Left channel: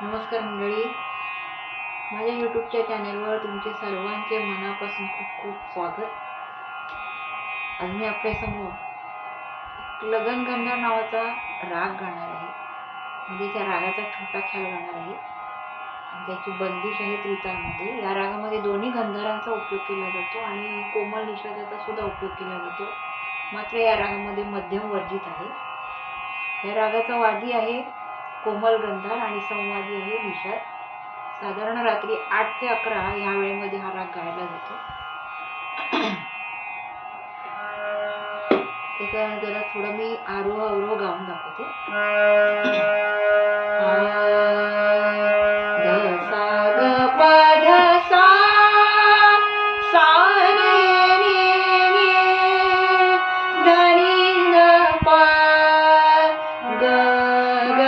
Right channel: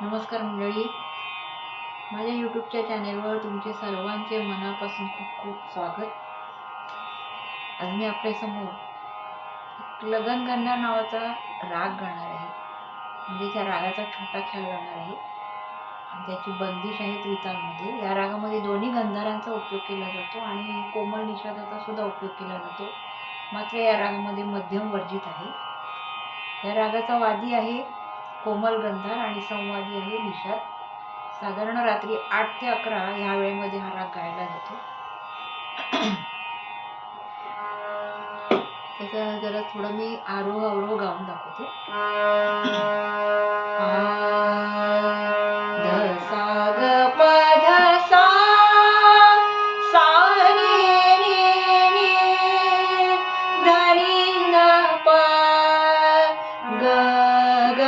नमस्कार मंडळी, माझ्या यूट्यूबच्या चॅनेलवर तुमचे सर्वांचे मनापासून खूप खूप स्वागत. आज मी आपल्यासमोर लगन गंधार नावाचा राग गाणार आहे. म्हणजे त्या रागाचा छोटा ख्याल गाणार आहे आणि त्याची बंदिश आहे त्रितालमध्ये. या रागामध्ये दोन्ही गंधारांचा उपयोग केला जातो आणि कोमल निषादाचा सुद्धा उपयोग केला जातो. मात्र या रागामध्ये मध्यम वर्जित आहे. या रागाचा वादी आहे कोमल गंधार आणि संवादी आहे निषाद. साधारण रात्री 8 ते 11 ह्या वेळेमध्ये हा राग गायला जातो. त्याचा जरा थोडं मी आरोह अवरोह गाऊन दाखवते. ध सा ग प ध सा सा रे रे रे ध नी ध प ग ग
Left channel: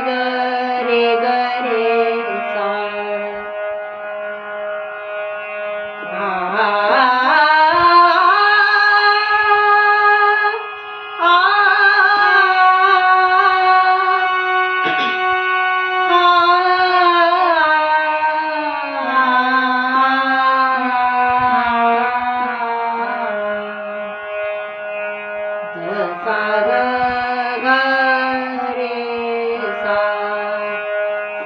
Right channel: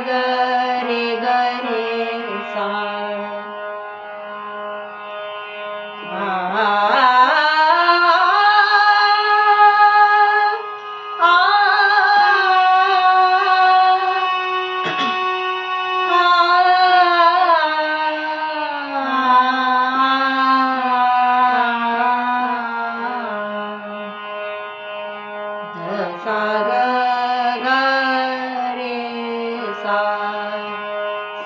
ग रे ग रे सा सा ग ग रे सा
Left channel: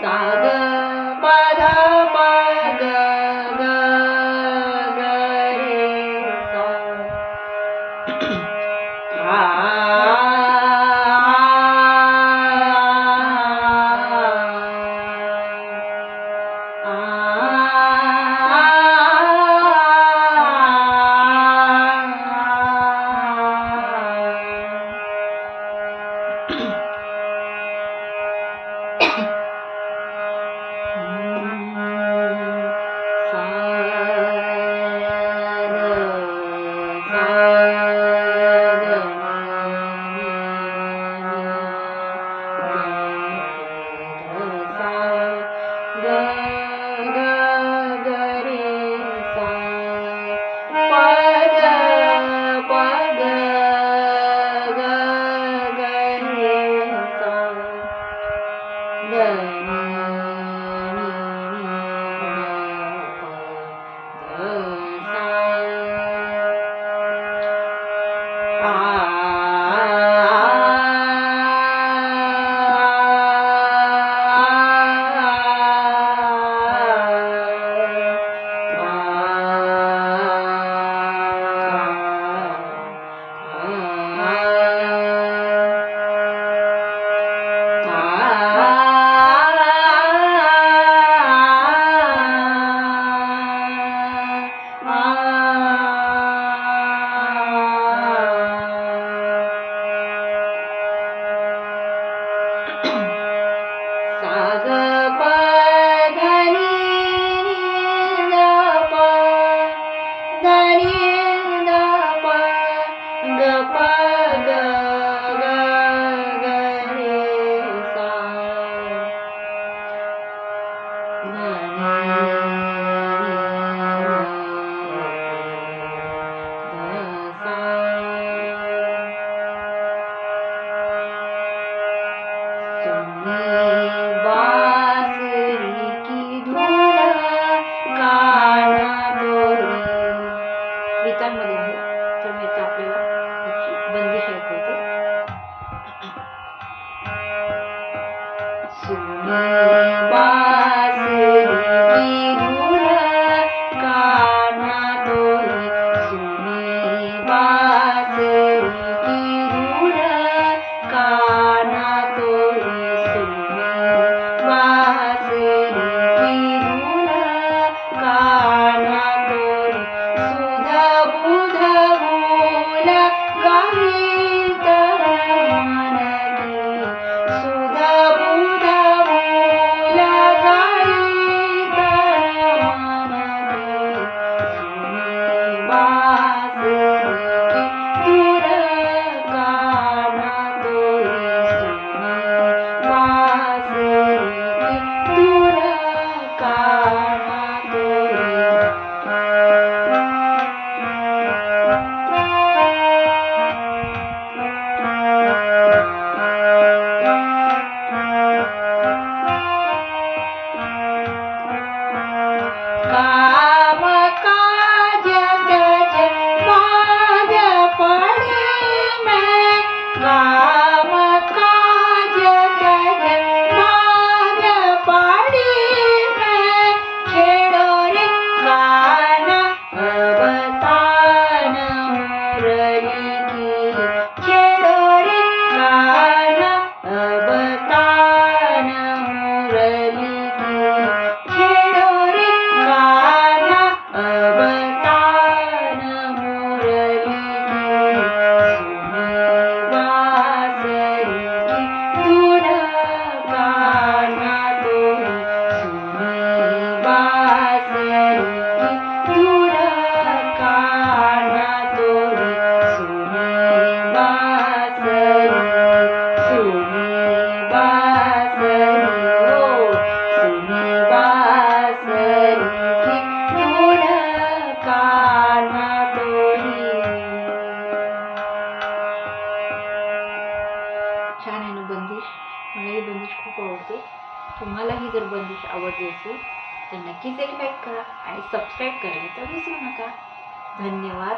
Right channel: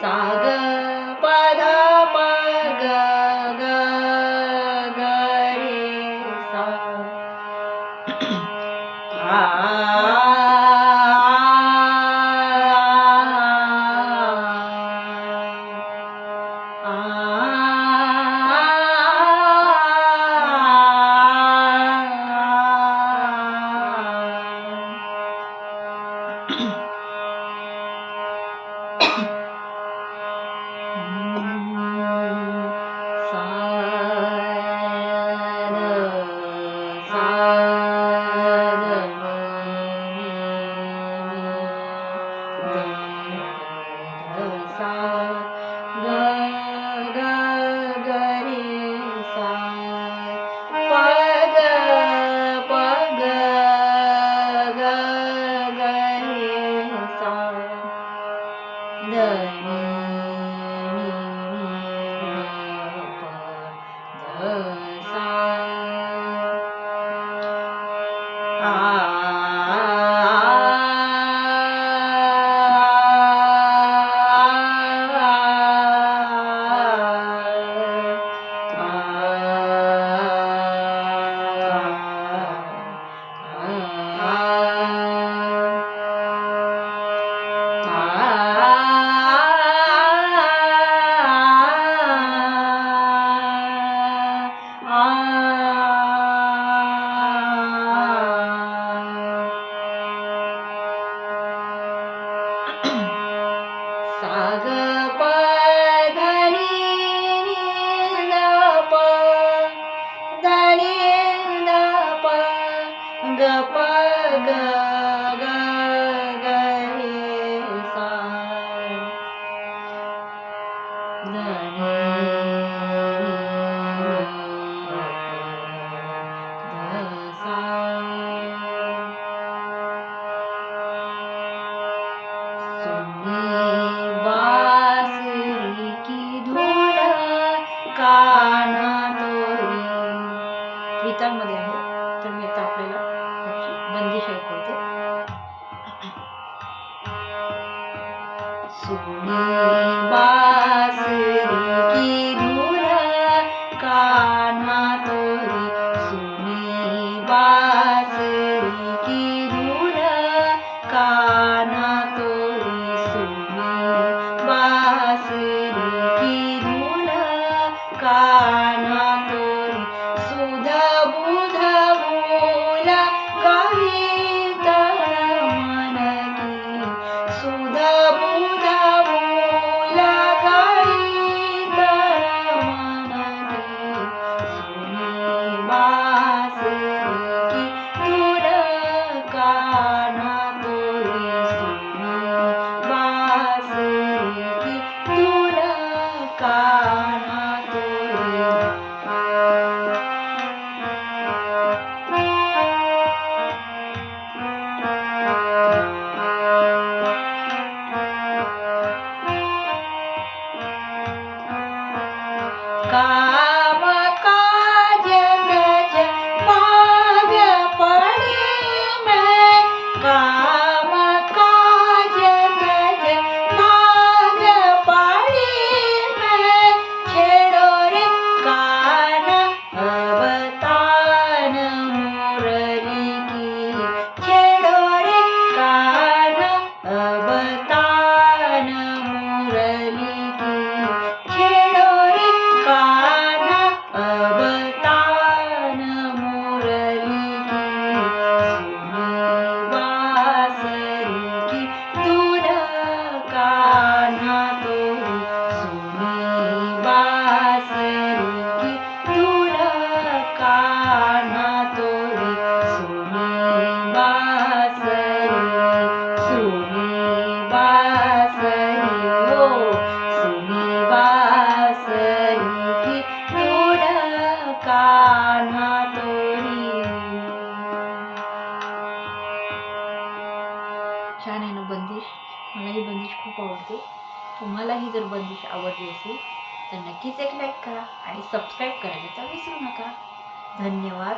सा ग प ध प ग ग ग रे सा सा ग प ध नी ध प ध नी ध प ग प ग ग ग रे सा ध नी ध सा बांसुरी की धून काना तोरी. त्रितालमध्ये आहे, तर मी आता आपल्याला त्याची बंदिश ऐकवते. सुनी बांसुरी की धून काना तोरी, सुनी बांसुरी की धून काना तोरी, बांसुरी की धून काना तोरी, सुध बुध भूल गाईत मन की, सुध बुध भूल छान आहे ना बंदिश. मलाही बंदिश खूप आवडते. तुम्हालाही जर बंदिश आवडली असेल तर नक्कीच एक लाईक करा आणि सबस्क्राईब करायला तर विसरू नका. धन्यवाद.